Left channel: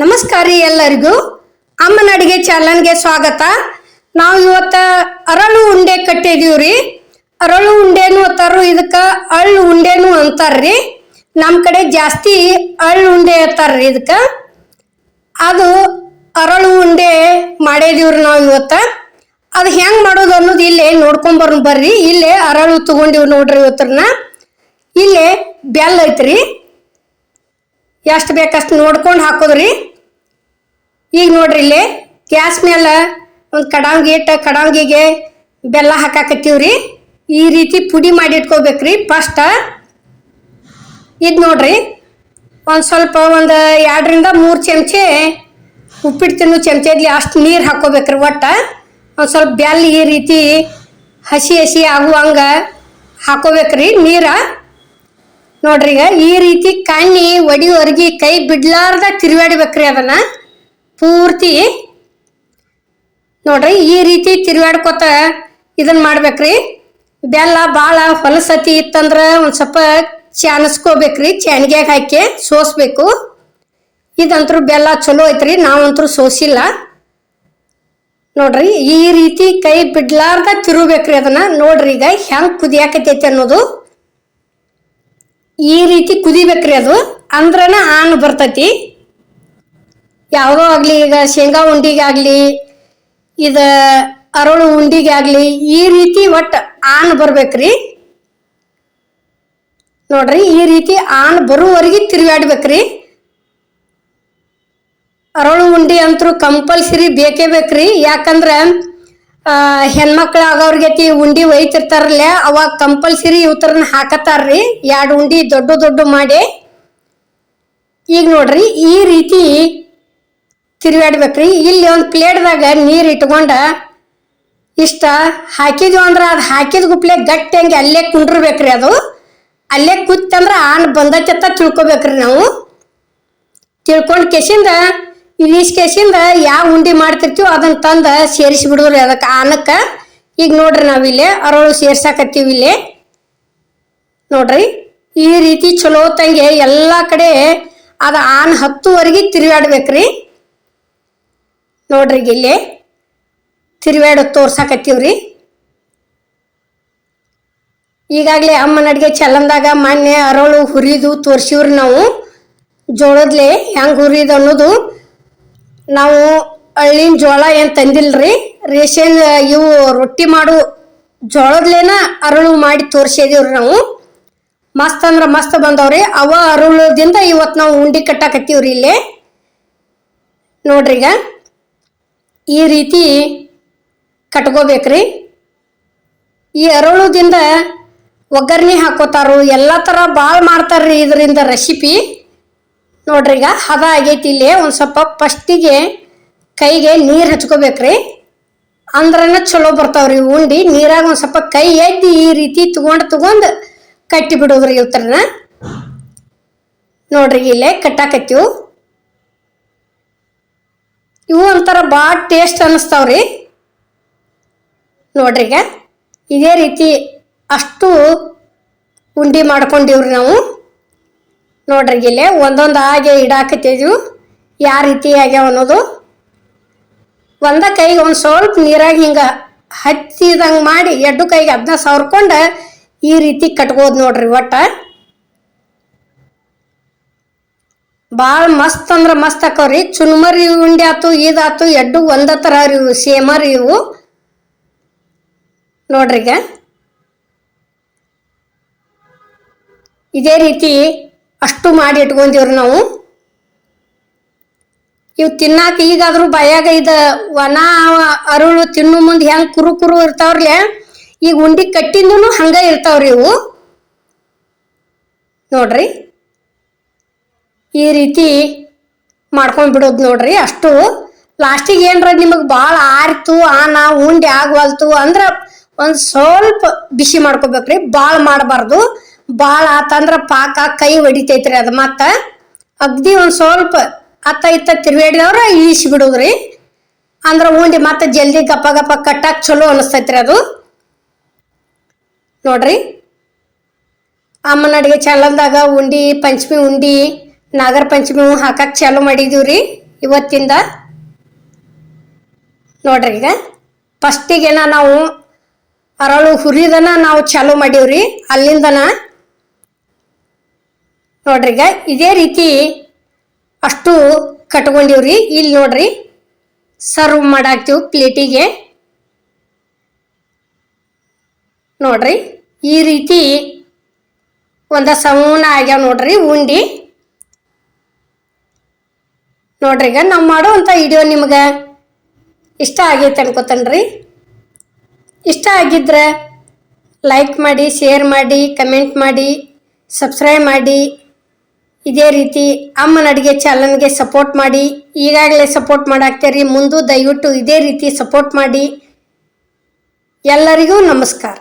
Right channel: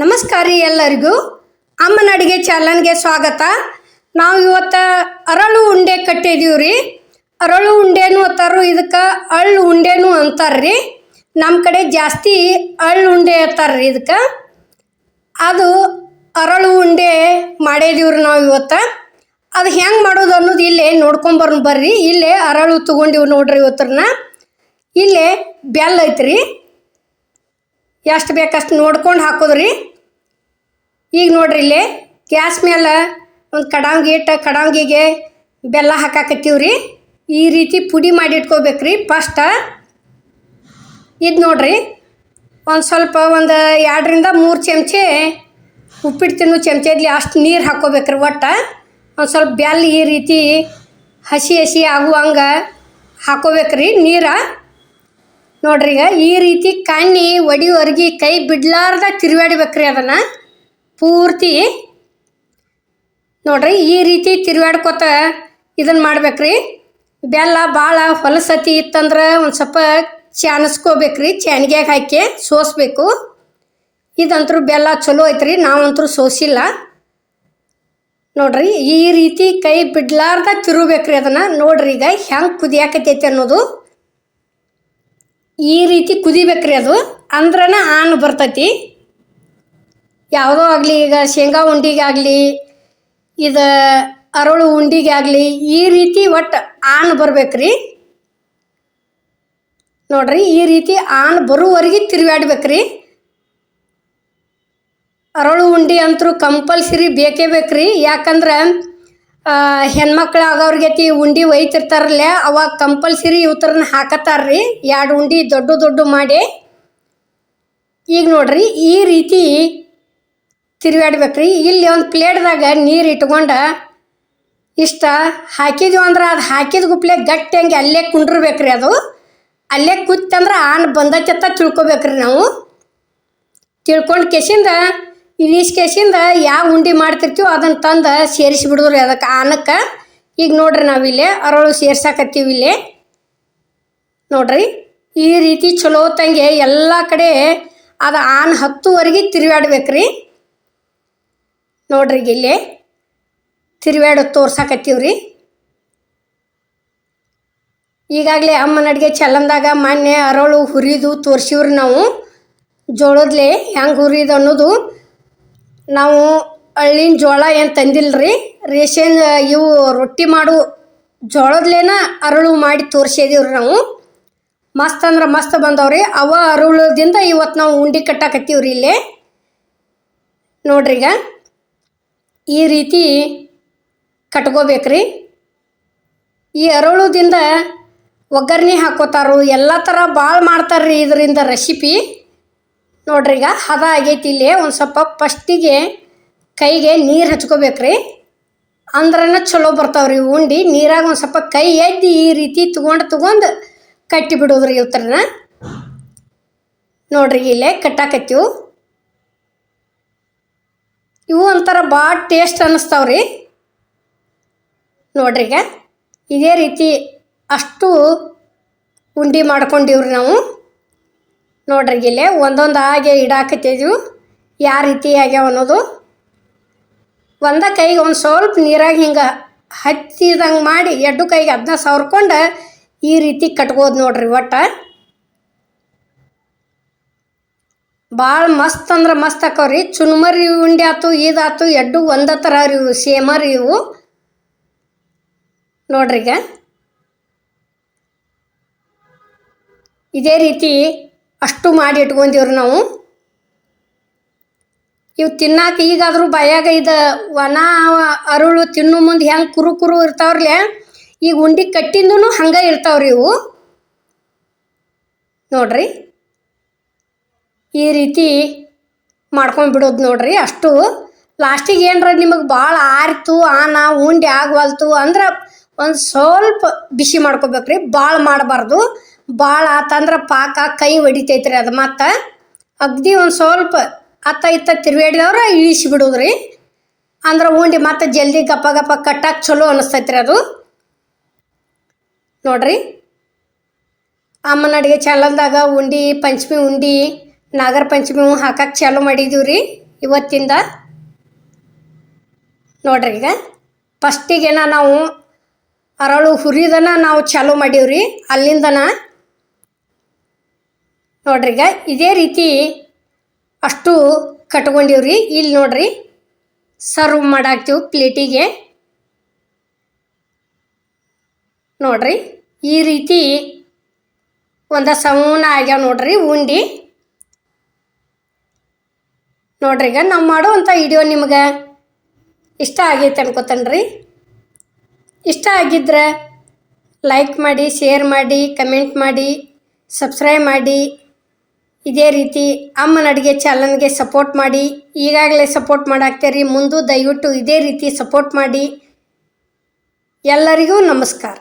ನಮಸ್ಕಾರ ಎಲ್ಲರಿಗೂ. ಅಮ್ಮನ ಅಡುಗೆ ಚಾನಲ್ಗೆ ಸ್ವಾಗತ. ನಾವು ಇವತ್ತು ಅರಳು ಉಂಡೆ ಕಟ್ಟಿದೀವಿ ರೀ. ಅರಳು ಉಂಡೆನು ಅತ್ತಾರು ಇದಕ್ಕೆ ಅಳ್ಳು ಉಂಡೆನು ಅಂತಾರ್ರಿ. ನಮ್ಮ ಕಡೆ ಜಾಸ್ತಿ ಅಳ್ಳು ಉಂಡೆ ಅಂತಾರ್ರಿ ಇದಕ್ಕೆ. ಅದು ಅರಳು ಉಂಡೆ ಮಾಡಿದೀವ್ರಿ ನಾವು ಇವತ್ತು. ಅದು ಹೆಂಗೆ ಮಾಡೋದು ಅನ್ನೋದು ಇಲ್ಲೇ ನೋಡ್ಕೊಂಬರ್ನ ಬರ್ರಿ. ಇಲ್ಲೇ ಅರಳು ತಗೊಂಡಿವಿ ನೋಡ್ರಿ ಇವತ್ತರನ್ನ ಇಲ್ಲೇ ಬೆಲ್ಲ ಐತ್ರಿ. ಎಷ್ಟು ಬೇಕಷ್ಟು ನೋಡ್ಕೊಂಡು ಹಾಕೋದ್ರಿ? ಈಗ ನೋಡ್ರಿ ಇಲ್ಲಿ, ಗ್ಯಾಸ್ ಮೇಲೆ ಒಂದು ಕಡಾಂಗಿ ಇಟ್ಟು ಕಡಾಂಗಿಗೆ ಬೆಲ್ಲ ಹಾಕಾಕತ್ತೀವ್ರಿ. ಈ ರೀತಿ ಪುಡಿ ಮಾಡಿ ಇಟ್ಕೋಬೇಕ್ರಿ ಫಸ್ಟ್ ಇದು ನೋಡ್ರಿ, ಒಂದು ಸ್ವಲ್ಪ ಒಂದು ಎರಡರಿಂದ ಮೂರು ಚಮಚೆ ಉಪ್ಪಿಟ್ಟು ತಿನ್ನೋ ಚಮಚದಲ್ಲಿ ಅಷ್ಟು ನೀರು ಹಾಕೋಬೇಕ್ರಿ ಒಟ್ಟು. ಒಂದು ಸ್ವಲ್ಪ ಬೆಲ್ಲ ಈ ರೀತಿ ಹಸಿ ಹಸಿ ಆಗುವಂಗೆ ಹಾಕೋಬೇಕ್ರಿ ನೀರ. ನೋಡ್ರಿ ಈಗ ಈ ರೀತಿ ಕಣ್ಣಿ ಒಡಿವರ್ಗಿ ಕೈ ಬಿಡ್ಲಾರ್ದ ತಿರುಗಾಡ್ಬೇಕ್ರಿ ಅದನ್ನ. ಪೂರ್ತಿ ನೋಡ್ರಿ, ಈ ರೀತಿ ತಿರುಗಾಡ್ಕೊತ ಇದನ್ನ ಮಾಡ್ಬೇಕ್ರಿ. ಬೆಲ್ಲ ಭಾಳ ಹೊಲಸತಿ ಇತ್ತಂದ್ರೆ ಒಂದು ಸ್ವಲ್ಪ ಚಾನಸ್ಕೋಬೇಕ್ರಿ ಚಾನ್ಗ್ಯಾಗ ಹಾಕಿ ಸೋಸ್ಬೇಕು. ಇದಂತರೂ ಬೆಲ್ಲ ಚಲೋ ಐತ್ರಿ, ನಾವಂತರೂ ಸೋಸಿಲ್ಲ. ನೋಡ್ರಿ, ಈ ರೀತಿ ಕೈ ಬಿಡ್ಲಾರ್ದ ತಿರುಬೇಕ್ರಿ ಅದನ್ನ. ನೋಡ್ರಿ, ಈಗ ಹೆಂಗ್ ಕುದಿಯಾಕತೈತಿ ಅನ್ನೋದು. ಈ ರೀತಿ ಕುದಿಬೇಕ್ರಿ ಅದು. ಅಂದ್ರನ ಆನ್ ಬರ್ತೈತಿ. ಯಾವಾಗೋ ಆಗಲಿ, ಈಗ ಶೇಂಗಾ ಉಂಡಿಗಾಗಲಿ, ಇದು ಅರಳು ಉಂಡಿಗಾಗಲಿ, ಈ ರೀತಿ ಒಟ್ಟು ಆನ್ ಬರ್ಬೇಕ್ರಿ. ನೋಡ್ರಿ, ಈ ರೀತಿ ಆನ್ ಬರುವವರೆಗೆ ತಿರುಗಾಡ್ಬೇಕ್ರಿ. ಅರಳು ಉಂಡಿ ಅಂತೂ ಕಂಪಲ್ಸರಿ ಬೇಕೇ ಬೇಕ್ರಿ. ಯಾಕಂದ್ರೆ ಹೆಣ್ಮಕ್ಳು ಆಗೋರ್ಗತಿ ಉಂಡಿ ಒಯ್ತಿರ್ತಾರಲ್ಲೇ, ಅವಾಗ ಕಂಪಲ್ಸರಿ ಇವತ್ತರನ್ನ ಹಾಕತಾರ್ರಿ. ಎರಡು ಉಂಡಿ ದೊಡ್ಡ ದೊಡ್ಡ ಮಾಡಿ. ಈಗ ನೋಡ್ರಿ, ಈ ರೀತಿ ತಿರುಗಾಡ್ಬೇಕ್ರಿ ಇಲ್ಲಿ ಒಂದು ಪ್ಲೇಟ್ದಾಗ ನೀರು ಇಟ್ಕೊಂಡ ಇಷ್ಟ ಹಾಕಿದ್ವಿ ಅಂದ್ರೆ ಅದು ಹಾಕಿದ ಗುಪ್ಲೆ ಗಟ್ಟಿ ಹಂಗೆ ಅಲ್ಲೇ ಕುಂಡ್ರಬೇಕ್ರಿ ಅದು. ಅಲ್ಲೇ ಕುತ್ತಂದ್ರೆ ಆನ್ ಬಂದೈತೆ ಅಂತ ತಿಳ್ಕೊಬೇಕ್ರಿ ನಾವು. ತಿಳ್ಕೊಂಡು ಕೆಸಿಂದ ಇಲಿಸ್ ಕೇಸಿಂದ ಯಾವ ಉಂಡಿ ಮಾಡ್ತಿರ್ತೀವೋ ಅದನ್ನ ತಂದ ಸೇರಿಸಿ ಬಿಡುದ್ರಿ ಅದಕ್ಕೆ ಆನಕ್ಕೆ ಈಗ ನೋಡ್ರಿ ನಾವಿಲ್ಲೇ ಅರಳು ಸೇರ್ಸಾಕತ್ತೀವಿ ಇಲ್ಲೇ. ನೋಡ್ರಿ ಈ ರೀತಿ ಚಲೋ ತಂಗೆ ಎಲ್ಲ ಕಡೆ ಅದು ಆನ್ ಹತ್ತುವರೆಗೆ ತಿರುಗಾಡ್ಬೇಕ್ರಿ. ನೋಡ್ರಿ ಇಲ್ಲಿ ತಿರುಗಾಡ ತೋರ್ಸಾಕತ್ತೀವ್ರಿ. ಈಗಾಗಲೇ ಅಮ್ಮನ ಅಡುಗೆ ಚಲಂದಾಗ ಮೊನ್ನೆ ಅರಳು ಹುರಿದು ತೋರ್ಸಿವ್ರಿ ನಾವು. ಜೋಳದ್ಲೆ ಹೆಂಗೆ ಹುರಿದು ಅನ್ನೋದು ನಾವು ಹಳ್ಳಿನ ಜೋಳ ಏನು ತಂದಿಲ್ರಿ? ರೇಷನ್, ಇವು ರೊಟ್ಟಿ ಮಾಡು ಜೋಳದ್ಲೇನ ಅರಳು ಮಾಡಿ ತೋರ್ಸಿದೀವ್ರಿ ನಾವು. ಮಸ್ತ್ ಅಂದ್ರೆ ಮಸ್ತ್ ಬಂದವ್ರಿ. ಅವ ಅರಳುದಿಂದ ಇವತ್ತು ನಾವು ಉಂಡಿ ಕಟ್ಟಾಕತ್ತೀವ್ರಿ ಇಲ್ಲಿ. ನೋಡ್ರಿ ಈಗ ಈ ರೀತಿ ಕಟ್ಕೋಬೇಕ್ರಿ. ಈ ಅರಳುದಿಂದ ಒಗ್ಗರಣೆ ಹಾಕೋತಾರು, ಎಲ್ಲ ಥರ ಭಾಳ ಮಾಡ್ತಾರ್ರಿ ಇದರಿಂದ ರೆಸಿಪಿ ನೋಡ್ರಿ ಈಗ ಹದ ಆಗೈತಿ ಇಲ್ಲಿ, ಒಂದು ಸ್ವಲ್ಪ ಫಸ್ಟಿಗೆ ಕೈಗೆ ನೀರು ಹಚ್ಕೋಬೇಕ್ರಿ. ಅಂದ್ರನ ಚಲೋ ಬರ್ತಾವ್ರಿ ಉಂಡಿ, ನೀರಾಗ ಒಂದು ಸ್ವಲ್ಪ ಕೈ ಎದ್ದು ಈ ರೀತಿ ತಗೊಂಡು ತಗೊಂಡು ಕಟ್ಟಿ ಬಿಡೋದ್ರಿ ಇವತ್ತರನ ನೋಡ್ರಿ ಇಲ್ಲೇ ಕಟ್ಟಾಕತ್ತೀವು. ಇವು ಒಂಥರ ಭಾಳ ಟೇಸ್ಟ್ ಅನ್ನಿಸ್ತಾವ್ರಿ ನೋಡ್ರಿ ಈಗ, ಇದೇ ರೀತಿ ಅಷ್ಟು ಉಂಡಿ ಮಾಡ್ಕೊಂಡಿವ್ರಿ ನಾವು. ನೋಡ್ರಿ ಇಲ್ಲೇ ಒಂದೊಂದು ಹಾಗೆ ಇಡಾಕತ್ತಿದ್ವು. ಯಾವ ರೀತಿ ಆಗ್ಯಾವ ಅನ್ನೋದು. ಒಂದ ಕೈಗೆ ಒಂದು ಸ್ವಲ್ಪ ನೀರಾಗಿ ಹಿಂಗೆ ಹಚ್ಚಿದಂಗೆ ಮಾಡಿ ಎಡ್ಡು ಕೈಗೆ ಅದನ್ನ ಸವರ್ಕೊಂಡು ಈ ರೀತಿ ಕಟ್ಬೋದು ನೋಡ್ರಿ ಒಟ್ಟ. ಭಾಳ ಮಸ್ತ್ ಅಂದ್ರೆ ಮಸ್ತ್ ಆಕವ್ರಿ ಚುನ್ಮರಿ ಉಂಡೆ ಆತು ಇದಾತು ಎಡ್ಡು ಒಂದ ಥರ ಇವು, ಸೇಮ ರೀ ಇವು. ನೋಡ್ರಿಗೆ ಇದೇ ರೀತಿ ಅಷ್ಟು ಮಾಡಿ ಇಟ್ಕೊಂತೀವ್ರಿ ನಾವು. ಇವು ತಿನ್ನಾಕ ಈಗಾದ್ರೂ ಬಯಾಗ ಇದ ಒಣ ಅರುಳು ತಿನ್ನು ಮುಂದೆ ಹೆಂಗೆ ಕುರು ಕುರು ಇರ್ತಾವ್ರಿ ಈಗ ಉಂಡಿ ಕಟ್ಟಿಂದೂ ಹಂಗೆ ಇರ್ತಾವ್ರಿ ಇವು. ನೋಡ್ರಿ. ಈ ರೀತಿ ಮಾಡ್ಕೊಂಡು ಬಿಡೋದು ನೋಡ್ರಿ ಅಷ್ಟು. ಲಾಸ್ಟಿಗೆ ಏನ್ರ ನಿಮಗೆ ಭಾಳ ಆರಿತು, ಆನ, ಉಂಡೆ ಆಗವಲ್ತು ಅಂದ್ರೆ ಒಂದು ಸ್ವಲ್ಪ ಬಿಸಿ ಮಾಡ್ಕೋಬೇಕ್ರಿ ಭಾಳ ಮಾಡಬಾರ್ದು. ಭಾಳ ಆತಂದ್ರೆ ಪಾಕ ಕೈ ಹೊಡಿತೈತ್ರಿ ಅದು ಮತ್ತು ಅಗ್ದಿ ಒಂದು ಸ್ವಲ್ಪ ಅತ್ತ ಇತ್ತ ತಿರ್ವೇಡಿದವ್ರ ಇಳಿಸಿ ಬಿಡೋದ್ರಿ. ಅಂದ್ರೆ ಉಂಡಿ ಮತ್ತೆ ಜಲ್ದಿ ಗಪ್ಪ ಗಪ್ಪ ಕಟ್ಟಾಕ ಚಲೋ ಅನಿಸ್ತೈತ್ರಿ ಅದು. ನೋಡ್ರಿ. ಅಮ್ಮನ ಅಡಿಗೆ ಚಾನಲ್ದಾಗ ಉಂಡಿ, ಪಂಚಮಿ ಉಂಡಿ, ನಾಗರ ಪಂಚಮಿ ಹಾಕಕ್ಕೆ ಚಾಲು ಮಾಡಿದೀವಿ ರೀ ಇವತ್ತಿಂದ. ನೋಡ್ರಿ ಈಗ. ಫಸ್ಟಿಗೆನ ನಾವು ಅರಳು ಹುರಿದನ ನಾವು ಚಾಲು ಮಾಡೀವ್ರಿ. ಅಲ್ಲಿಂದನ ನೋಡ್ರಿ ಈಗ ಇದೇ ರೀತಿ ಅಷ್ಟು ಕಟ್ಕೊಂಡಿವ್ರಿ. ಇಲ್ಲಿ ನೋಡ್ರಿ ಸರ್ವ್ ಮಾಡಾಕ್ತೀವಿ ಪ್ಲೇಟಿಗೆ. ನೋಡ್ರಿ, ಈ ರೀತಿ ಒಂದ ಸಮೂನ ಆಗ್ಯಾವ ನೋಡ್ರಿ ಉಂಡಿ. ನೋಡ್ರಿ ಈಗ ನಾವು ಮಾಡುವಂಥ ವಿಡಿಯೋ ನಿಮ್ಗೆ ಇಷ್ಟ ಆಗೈತೆ ಅನ್ಕೋತನ್ರಿ. ಇಷ್ಟ ಆಗಿದ್ರೆ ಲೈಕ್ ಮಾಡಿ ಶೇರ್ ಮಾಡಿ ಕಮೆಂಟ್ ಮಾಡಿ ಸಬ್ಸ್ಕ್ರೈಬ್ ಮಾಡಿ. ಇದೇ ರೀತಿ ಅಮ್ಮನ ಅಡುಗೆ ಚಾನಲ್ಗೆ ಸಪೋರ್ಟ್ ಮಾಡಿ, ಈಗಾಗಲೇ ಸಪೋರ್ಟ್ ಮಾಡಾಕ್ತೀರಿ. ಮುಂದೆ ದಯವಿಟ್ಟು ಇದೇ ರೀತಿ ಸಪೋರ್ಟ್ ಮಾಡಿ. ಎಲ್ಲರಿಗೂ ನಮಸ್ಕಾರ.